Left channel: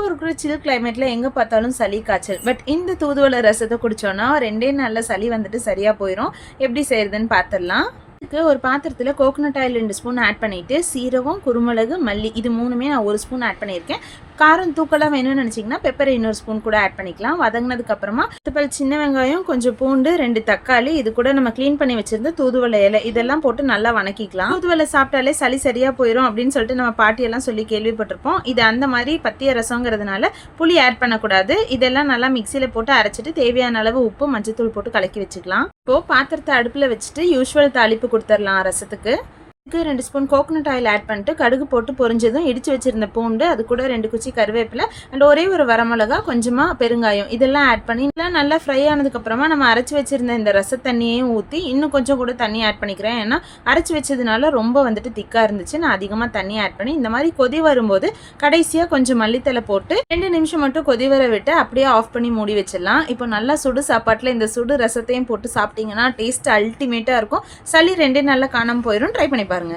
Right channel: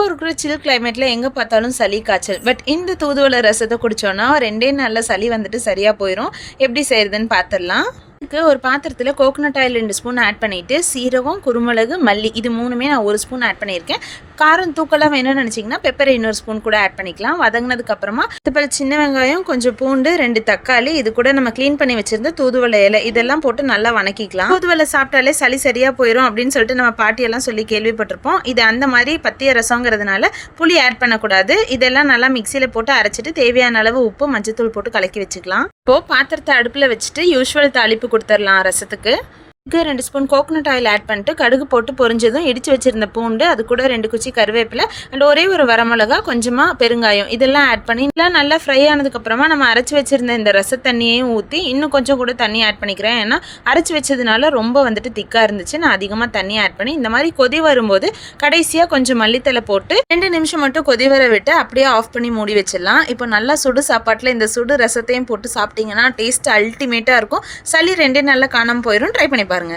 இப்போ இருக்கிற சில் கிளைமேட்ல எங்க பார்த்தாலும் சளி, காய்ச்சல். பட் இந்த தூதுவளை ரசத்த குடிச்சோம்னா 2டே நாள்ல சளி வந்துட்டு சரியா போயிரும். எப்படி செய்றதுன்னு பார்த்துடலாம். இதுக்கு ஒரு பாத்திரத்தில் கோகோனட் ஆயில் 2 ஸ்பூன் ஆட் பண்ணிவிட்டு சீரகம், குருமிளகு, மல்லி இது 3மே நான் 1 ஸ்பூன் ஆட் பண்ணியிருக்கேன். காரம் தூக்கலாக வேணும்னு நினச்சிங்கன்னா பெப்பரை இன்னொரு ஸ்பூன் கூட ஆட் பண்ணிக்கலாம். வதங்கினதுக்கப்புறமா 10 சின்ன வெங்காயம், கொஞ்சம் பூண்டு, 2 தக்காளி, இது கூட நம்ம க்ளீன் பண்ணி வச்சுருந்த தூதுவளை இலை இதெல்லாம் போட்டு நல்லா வணக்கிக்கலாம். தூதுவளை சாப்பிட்டாலே சளி சரியாக போயிடும் அப்படின்னு சொல்லிட்டு நம்ம பாட்டியெல்லாம் சொல்லி கேள்விப்பட்டிருப்போம். இது அந்த மாதிரி பத்திய ரசங்கிறதுனால புளி ஆட் பண்ணக்கூடாது. இதெல்லாம் நல்லா மிக்சியில் போட்டு அரைச்சிட்டு தேவையான அளவு உப்பு, மஞ்சத்தூள் போட்டு கலக்கி வச்சுக்கலாம். இப்போது பாத்திரத்தை அடுப்பில் வச்சுட்டு யூஸ்வல் தாளிப்பு கொடுத்துடலாம் ரசத்துக்கு. 2 ஸ்பூன் கோகோனட் ஆயில் ஆட் பண்ணிட்டு கடுகு போட்டு பொரிஞ்சதும் இடித்து வச்சுருந்த பூண்டு, அது கூட 2 குச்சி கருவேப்பிலை அண்ட் ஒரே ஒரு வரமிளகா, கொஞ்சமாக பெருங்காயம் இதெல்லாம் ஆட் பண்ணி நல்லா ஃப்ரை ஆனதுக்கப்புறமா நம்ம அரைச்சி வச்சுருந்த இந்த ரச தண்ணியையும் ஊற்றி இன்னும் கொஞ்சம் கூட தண்ணி ஆட் பண்ணிக்கிறேன். ஏன்னா அரைச்சி வச்சதுனால ரொம்ப வந்துட்டு திக்காக இருந்துச்சு. நான் அதிகமாக தண்ணி ஆட் பண்ணி இந்த மாதிரி கொதி வரும்போது கடைசியாக கொஞ்சம் மல்லித்தலை போட்டு 2 நிமிஷம் மட்டும் கொதி வர விட்டு அப்படியே ஆஃப் பண்ணி மூடி வச்சிடலாம். இப்போ நல்லா சுடு சாப்பாட்டில் இந்த சுடு ரசத்தையும் போட்டு சாப்பிட்டீங்கன்னா டேஸ்ட் அல்டிமேட்டாக இருக்கும். சளி 2 நாளில் காணாமல் போயிடும். ட்ரை பண்ணி பாருங்க.